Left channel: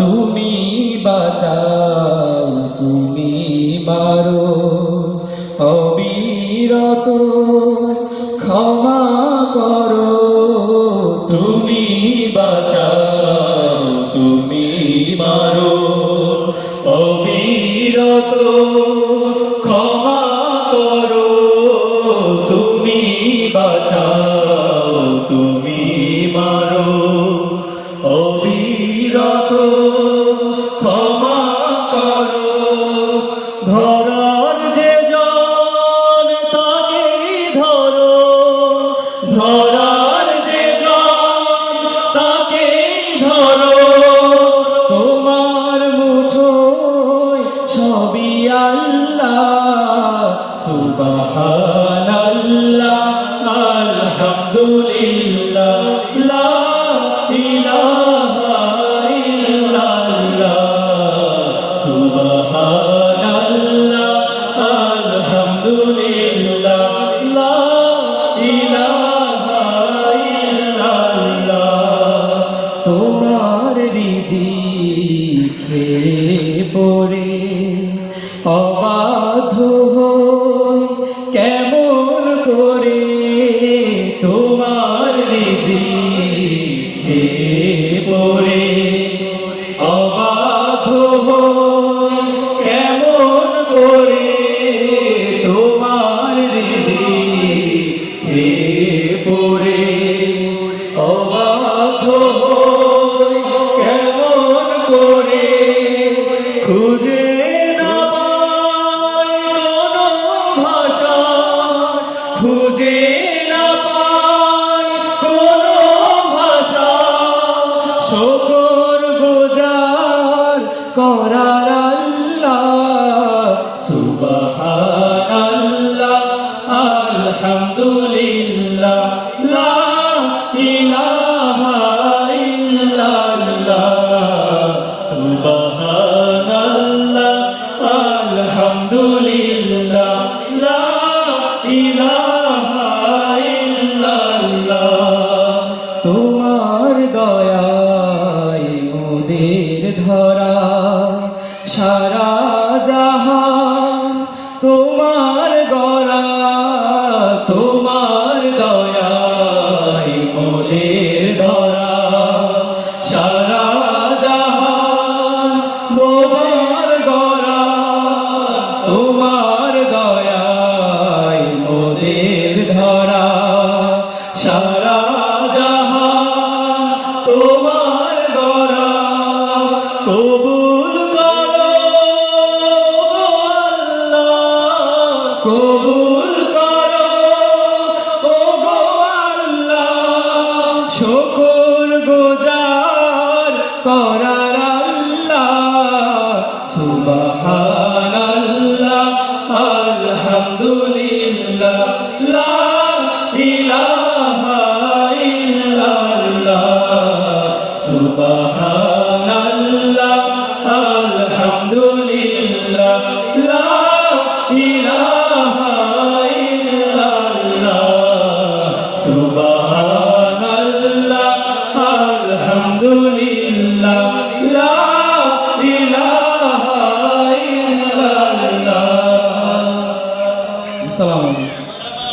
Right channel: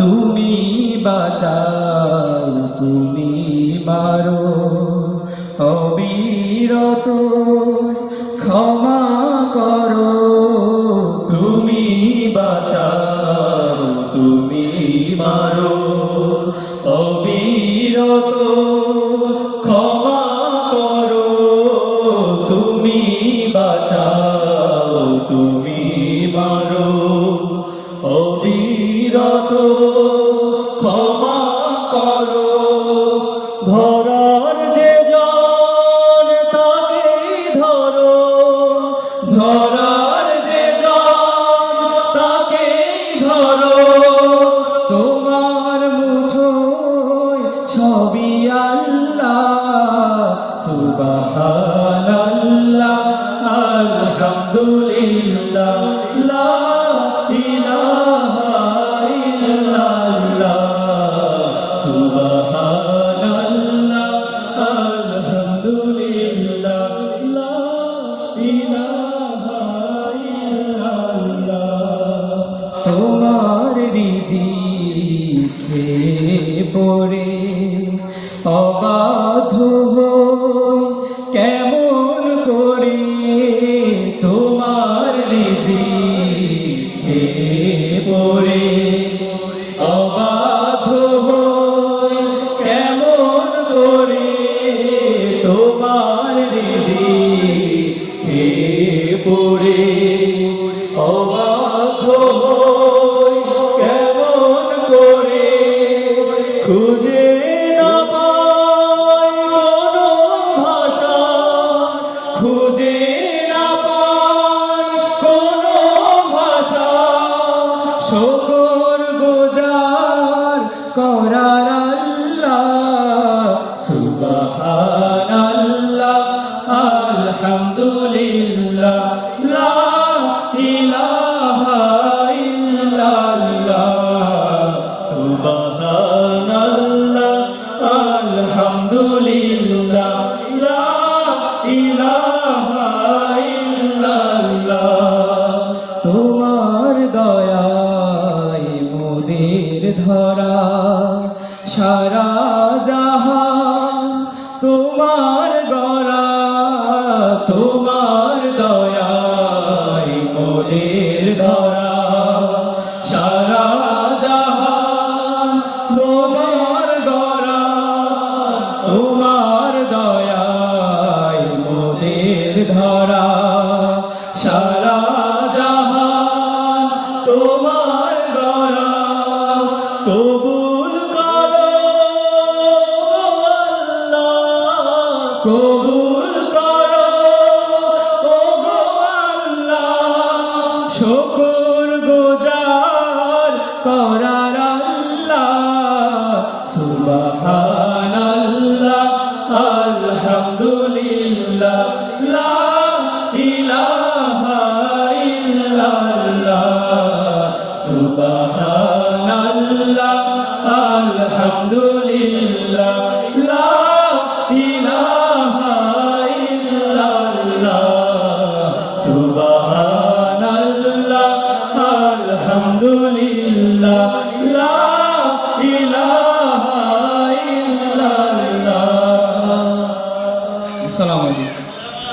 তুমি বাঁচাও, তুমি মারো, অবিরত ক্ষমা করো। তুমি বাঁচাও, তুমি মারো, অবিরত ক্ষমা করো। তুমি বাঁচাও, তুমি মারো, অবিরত ক্ষমা করো। ধরার যে জন তাকেই ধরো, ধরার যে জন তাকেই ধরো। তোমার মুঠোয় সবই আল্লাহ, সুবহানাল্লাহ, আলহামদুলিল্লাহ, লা ইলাহা ইল্লাল্লাহ, সুবহানাল্লাহ, আলহামদুলিল্লাহ, লা ইলাহা ইল্লাল্লাহ। তোমার রিজিক খেয়ে পড়ে অবাধ্য হই কেমন করে। তোমার রিজিক খেয়ে পড়ে অবাধ্য হই কেমন করে। তোমার রিজিক খেয়ে পড়ে অবাধ্য হই কেমন করে। খুঁজে না পাই কোনো ভাষা, খুঁজে না পাই কোনো ভাষা, শুকর গুজার করার আল্লাহ, সুবহানাল্লাহ, আলহামদুলিল্লাহ, লা ইলাহা ইল্লাল্লাহ, সুবহানাল্লাহ, আলহামদুলিল্লাহ, লা ইলাহা ইল্লাল্লাহ। তোমার দয়ায় মোদের ধরা সারা জাহান তোমার গড়া। তোমার দয়ায় মোদের ধরা সারা জাহান তোমার গড়া। তোমার দয়ায় মোদের ধরা সারা জাহান তোমার গড়া। কবুল করো আল্লাহ, কবুল করো ওগো আল্লাহ, শুকর গুজার করার আল্লাহ, সুবহানাল্লাহ, আলহামদুলিল্লাহ, লা ইলাহা ইল্লাল্লাহ, সুবহানাল্লাহ, আলহামদুলিল্লাহ, লা ইলাহা ইল্লাল্লাহ, সুবহানাল্লাহ।